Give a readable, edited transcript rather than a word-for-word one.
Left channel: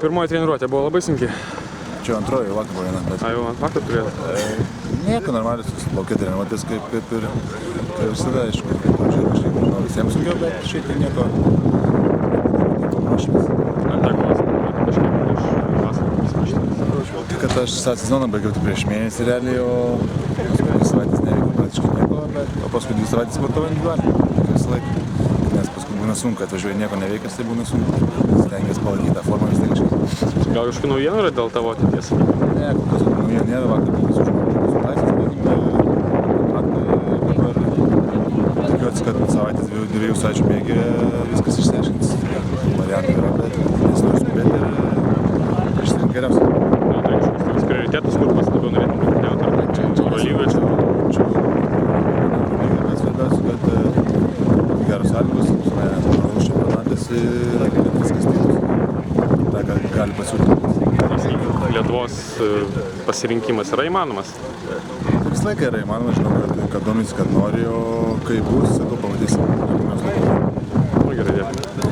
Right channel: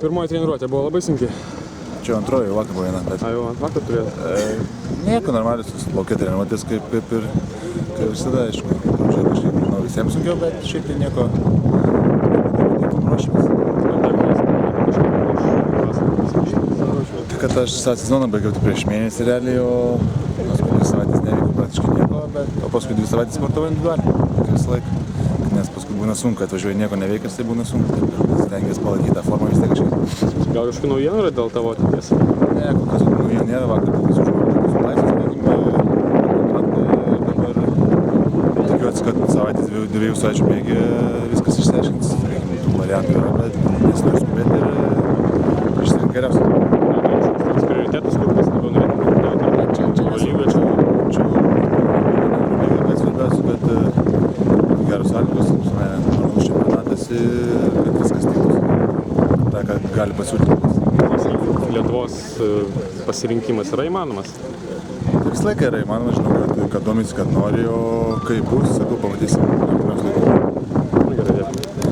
Pirmoji treniruotė buvo labai sunki. Čia antroji, vakar buvo viena. Jau ant vakar turėjote? Nieko, normaliai laukia treniruotės kaip ir visada, aišku. Pradžioje kažkaip, manau, visiems sunkiau, bet šiaip tai nieko ruošimės. Ar teko treniruoti kažkiek prieš vasarą? Tai kad aš sezoną baigiau tik prieš mėnesį realiai, o paskui 2 savaitės neveikiau praktiškai nieko, o paskui 2 savaitės sportavau individualiai, kaip visą laiką. Nes paskui būna sunku, atvažiuoji nieko neveikęs, tai būna sunku. Stengiasi palaikyti tą formą vis tiek kažkaip. Gal kažkokių naujienų yra dėl tavo ateities? Ne, kol kas naujienų nėra, vakar tik sužinojau, kad esu laisvas, sakykime, kontraktą ir dabar tikiuosi, kad savaitės 2 savaičių bėgyje viskas išsiaiškins. Tų variantų yra, bet nesinori skubėti ir išsirinkti geriausią. Gal turi kažkokius tokius prioritetus, kur pats labiau norėtum rungtyniauti, ar Eurolyga? Čia Eurolyga, bet svarbiausia, kad būtų geros sąlygos, normalus čempionatas ir kad viskas tiktų. Tai, ką gali pasiūlyti. Lietuvos pasirinkimas yra įmanomas? Tai visą laiką yra įmanoma, žinau, kad domisi, kad nori, o kai bus, sakau, pamatysim artimiausiu laiku. Gerai, dėkui.